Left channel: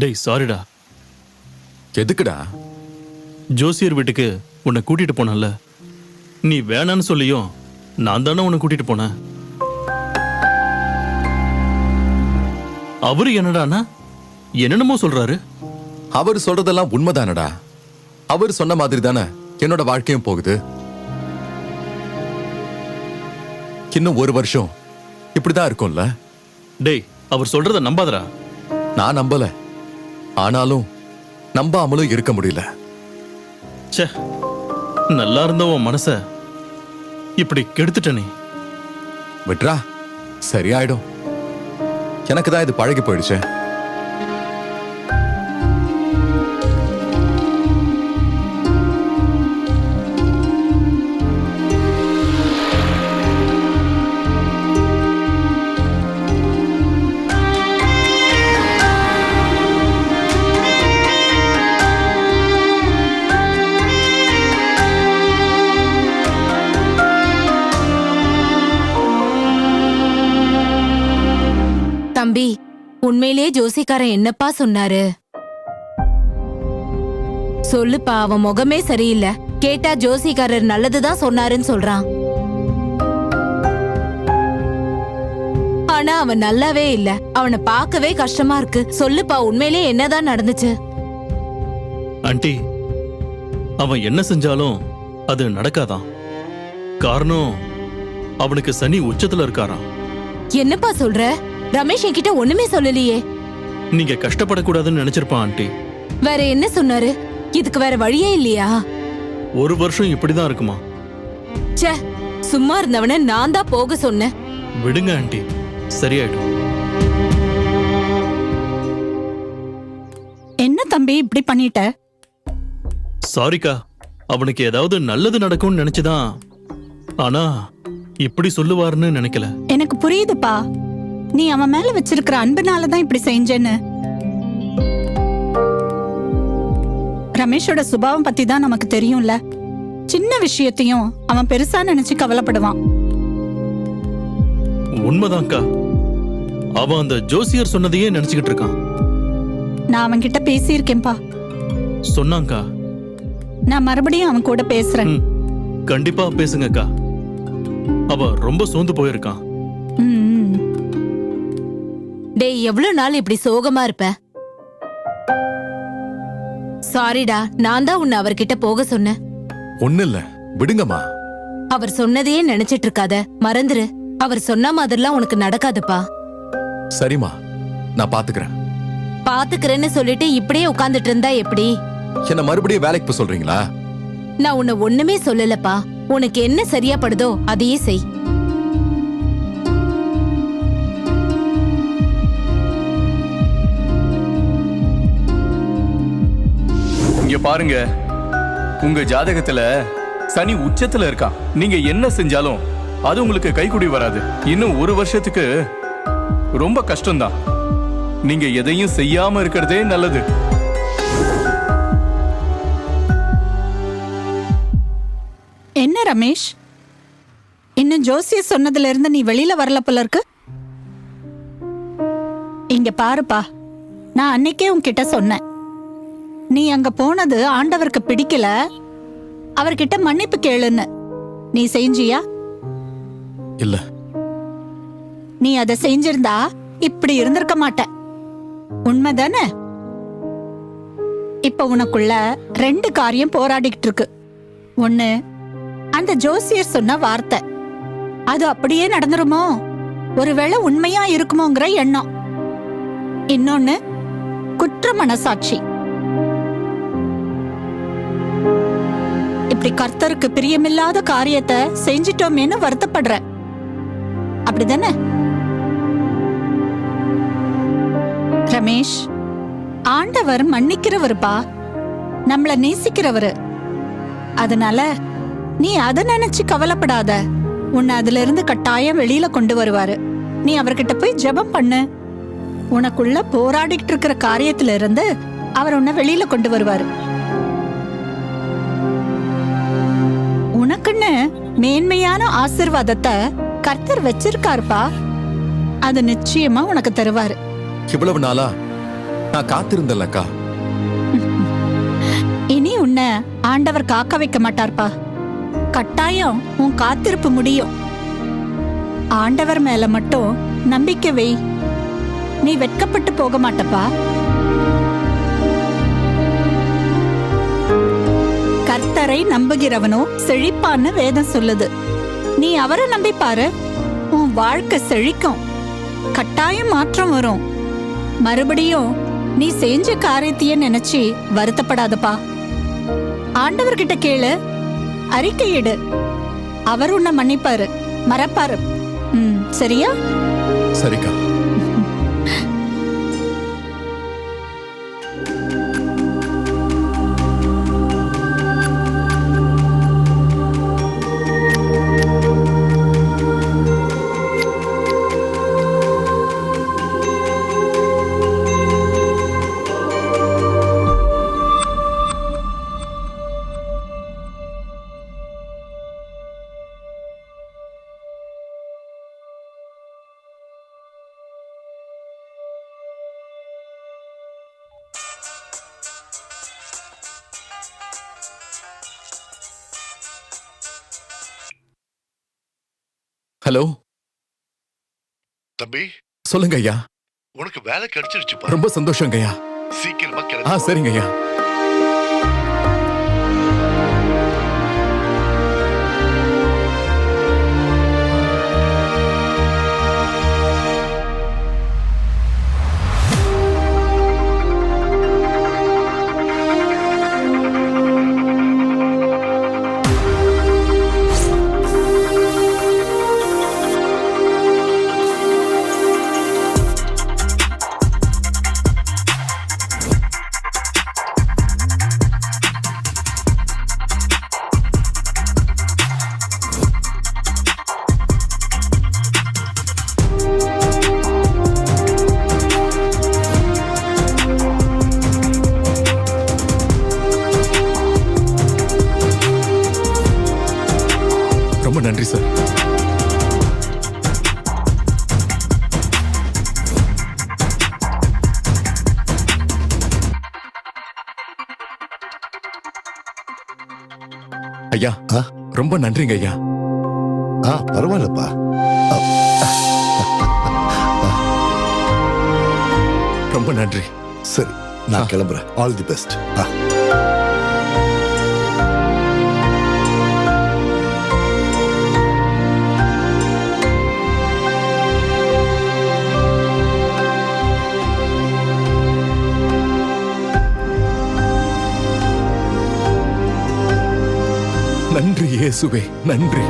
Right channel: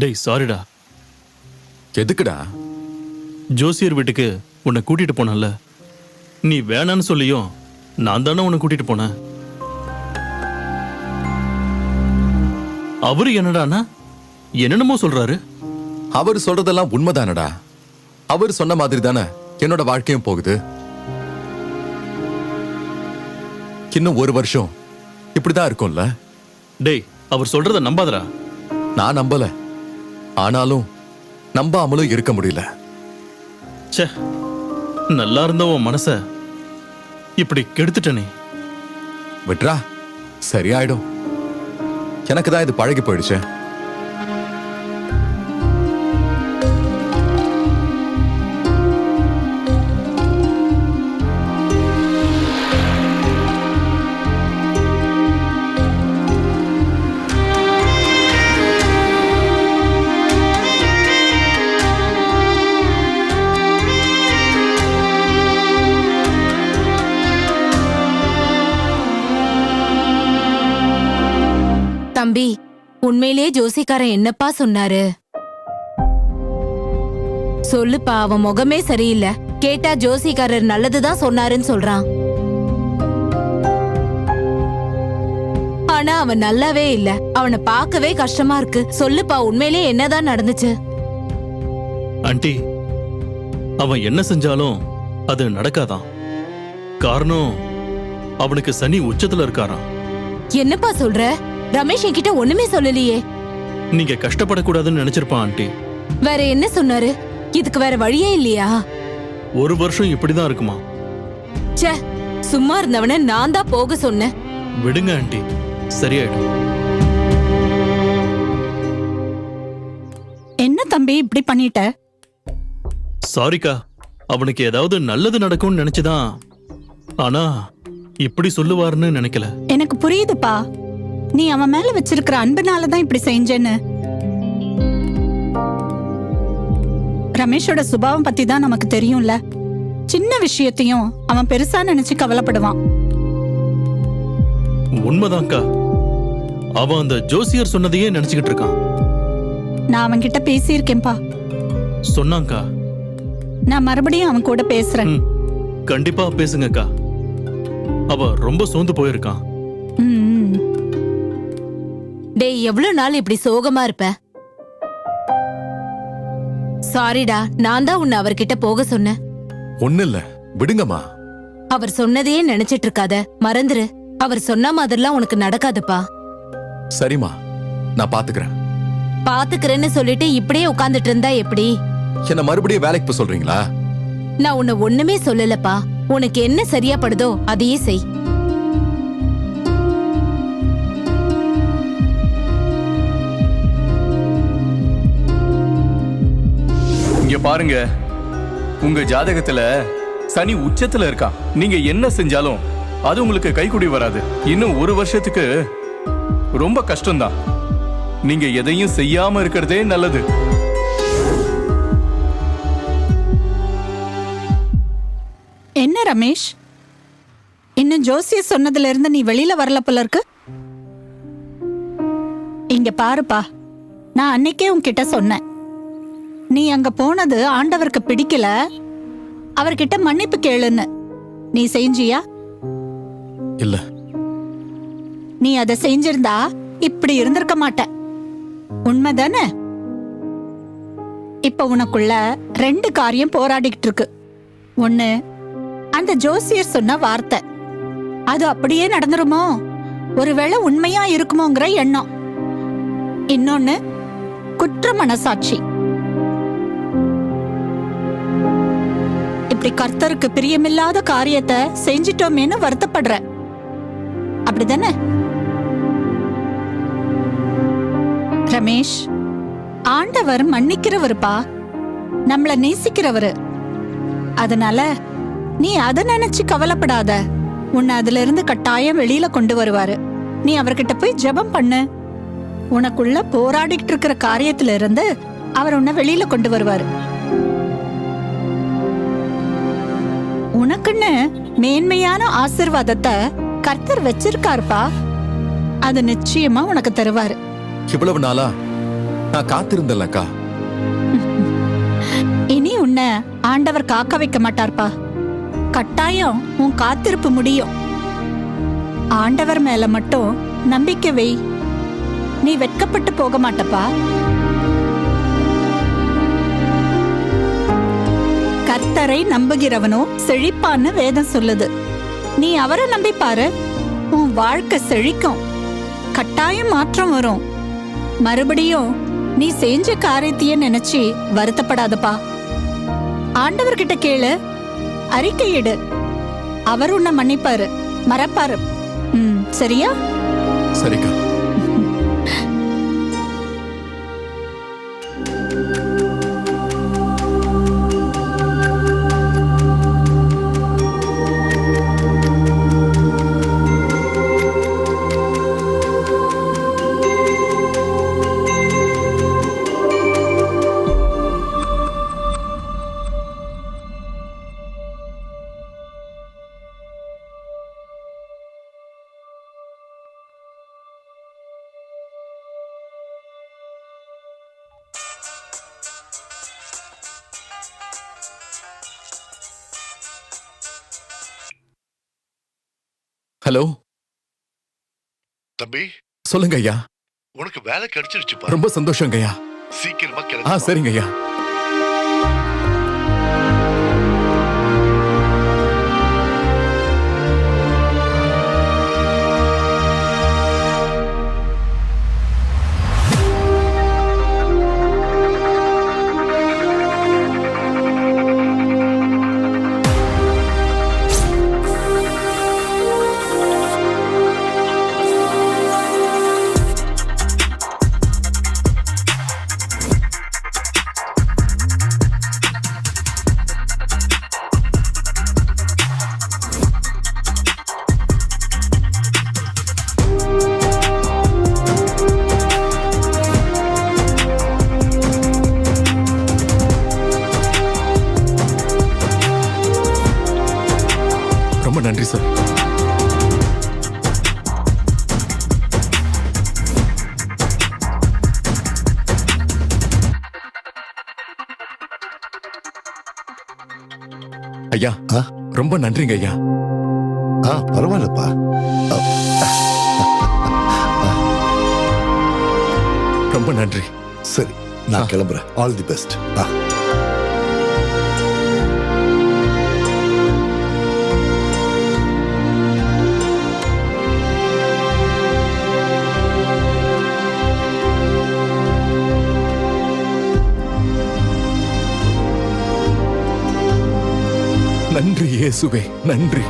டேய் சாரிடா. எதுக்குடா? ஜோசியர் வீட்டுக்கு உன்னை கூட்டிட்டு போனல, நீ வேணான்னு சொல்லியும் நான் தானே உன்னை கூட்டிட்டு போனேன். அவரு என்னடானா என்னென்னமோ சொல்றாரு. அவர் சொல்றதெல்லாம் உண்மைதானடா. அவர் சொன்ன மாதிரி தானே என்னோட வாழ்க்கையும் போகுது. இன்னும் ஒரு வருஷம் இப்படிதான் இருக்கும்ல. டேய், அவர் சொல்றத நம்பாதடா. நான் நம்பல, ஆனாலும் நம்பாமலும் இருக்க முடியல. ச்சே, நல்லா இருந்த உன் மனச இப்படி கெடுத்துட்டனே. விட்ரா, சரியாயிடும். எனக்கு தான் இது பழகி போயிடுச்சு. தம்பி, உண்மையிலேயே ஜோசிக்காரன் என்னப்பா சொன்னாரு? சொல்லுப்பா, அவன் முகமே சரியில்லை. கேட்டா ஜோசிக்காரர் நல்லதுதான் சொன்னாருன்னு சொல்றான். ஆனா அவன் நல்லாவே இல்ல. அவனை பார்க்கவே கஷ்டமா இருக்கு. சொல்லுப்பா, உண்மையிலேயே என்னதான் நடந்துச்சு? ஆண்டி, அவன் என்ன செஞ்சாலும் அது நடக்காதான். காரணம், அவனுக்கு சனி உச்சத்துல இருக்காராம். என்னப்பா சொல்ற? ரமேஷ் என்கிட்ட ஒண்ணுமே சொல்லலையே. நீங்க கஷ்டப்படக்கூடாதுன்னு நினைச்சிருப்பான் ஆண்டி. வேற என்ன சொன்னாரு? இதுக்கு வேற வழியே இல்லையா? ஒரு வருஷம் இப்படிதான் இருக்குமா? ச்சே, சும்மா இருந்தவன நான் தான் போக சொன்னேன். விடுங்க ஆண்டி, சரியாயிடும். என்ன தம்பி இப்படி பண்ணிட்ட? சாரிக்கா, அவனுக்கு ஏதாவது நல்லது நடக்கும்னு நினைச்சுதான். ஆனா இப்படி சொல்லுவாருன்னு நினைக்கல. எனக்கு புரியுதுப்பா, நீ அவன் மேல வச்சிருக்கிற அன்புனாலதான் இப்படி செஞ்சேன்னு. ரமேஷோட சுபாவம் பத்தி தான் நமக்கு தெரியும்ல. சின்ன விஷயத்தையும் அவன் பெருசா நினைச்சு கவலைப்படுவான். உண்மைதான்க்கா, அவன் அந்த ஜோசியர் சொன்னதையே நினைச்சுக்கிட்டு இருக்கான். நான் அவன் கிட்ட பேசியிருக்கேன்பா. சொன்னாங்கா. நான் மறுபடியும் அவன் கூட பேசுறேன். கண்டிப்பா பேசுங்கக்கா. அவன் ரொம்ப சோர்ந்து போயிருக்கான். டேய், எவ்வளவு நாள் இப்படி சோகமா இருப்ப? சாரிடா, நான் தான் உன்னை அவர்கிட்ட போக சொன்னேன். ஒண்ணு இல்ல, விடுங்கம்மா. அவர் சொன்னதையே நினைச்சிட்டு இருக்காத, மறந்துரு. அவர் சொன்ன மாதிரிலாம் உனக்கு நடக்காதுப்பா. சரிம்மா, நான் பாத்துக்கிறேன். பாத்துக்கிறேன்னு சொல்லிட்டு இப்படியே உட்கார்ந்துட்டு இருந்தா எப்படி? என்ன மறுபடியும் வேலைக்கு போக சொல்றீங்களா? நான் உன்னை ஒண்ணுமே சொல்லலப்பா. உனக்கு என்ன சரியா படுதோ அதையே செய். இங்க பாருங்க, உங்க ஜாதகத்துல சனி உச்சத்துல இருக்கான். நீங்க என்ன செஞ்சாலும் அது உங்களுக்கு கைகூடி வராது. இன்னும் ஒரு வருஷத்துக்கு ரொம்ப கஷ்டம்தான். நீங்க எதையும் செய்யாம இருக்கிறதே நல்லது. என்ன ரமேஷ், இன்னும் ஜோசியர் சொன்னதுல இருந்து நீ வெளியில வரல போல இருக்கு. இங்க பாருப்பா, நான் அன்னைக்கே உன்கிட்ட சொன்னேன், நீ அங்க போனது ஆண்டவருக்கு பிடிக்கல, அவர்கிட்ட மன்னிப்பு கேளுன்னு. நீ செஞ்சியா? இல்ல. நீ அதை செஞ்சிருந்தா இப்படி இருந்திருக்க மாட்ட. உண்மைதானே? இப்ப உனக்குள்ள ரெண்டு காரியம் போராடிக்கிட்டு இருக்கு. ஒண்ணு, அந்த ஜோசியர் சொன்ன வார்த்தை, அது அப்படியே நடந்துருமோ, ஒருவேளை உண்மையா இருக்குமோங்கிற எண்ணம். இன்னொன்னு, குற்ற மனசாட்சி. இப்படி கர்த்தருக்கு பிரியமில்லாத காரியத்தை செஞ்சிட்டோமேன்னு வருத்தப்படுற, அப்படிதானே? ரமேஷ், ஆண்டவர் மன்னிக்கிறவருப்பா, நம்மள நேசிக்கிறவரு. அதனால நீ அதை நினைச்சு கவலைப்படாத. உன்னை அதுல இருந்து கட்டாயம் வெளியில கொண்டு வருவாரு. நீ அவர்கிட்ட போய் ஜெபம் பண்ணு. உனக்குள்ள போராடிட்டு இருக்கிற காரியத்துல இருந்து அவர் உன்னை வெளியில கொண்டு வருவாரு. உனக்குன்னு மேன்மையான ஆசீர்வாதத்தை கர்த்தர் வச்சிருக்காருப்பா. அது நிச்சயமா உனக்கு தருவாரு. இவ்வளவு நாளா நான் காத்திருந்தேன்லக்கா. இனி உன்னை ஆண்டவர் காக்க வைக்க மாட்டார்ப்பா. கட்டாயம் உன் காத்திருப்பு முடியும். ஆண்டவர் மேல மட்டும் நம்பிக்கை வை. நீ வெட்கப்பட்டு போக மாட்டப்பா. கர்த்தரை நம்புகிறவனோ செழிப்பான்னு வேதம் சொல்லுது. நீ அவரை நம்பி பாரு, உன் வாழ்க்கை செழிக்கும். கட்டாயம் மாற்றம் வரும். மறுபடியும் நீ செஞ்ச காரியத்தையே நினைச்சு வருத்தப்படாதப்பா. ஆண்டவர்கிட்ட கேளு, அறிக்கையிடு. அவர் உன்னை மன்னிப்பாரு, மறப்பாரு. சரியா? சரிக்கா. ஹலோ, தம்பி, சொல்லுங்க ஐயா. உனக்கு வேலை கிடைச்சிருச்சுப்பா. ரொம்ப சந்தோஷங்க ஐயா. சீக்கிரமா ஆ, கிடைச்சு. சரிங்க ஐயா. ரொம்ப நன்றி சார். ஐயா, ரொம்ப நன்றிங்க ஐயா. பரவாயில்லப்பா. ரொம்ப நன்றி. சரி, நான் கிளம்புறேன். All the best. நன்றி இயேசுவே, நன்றி.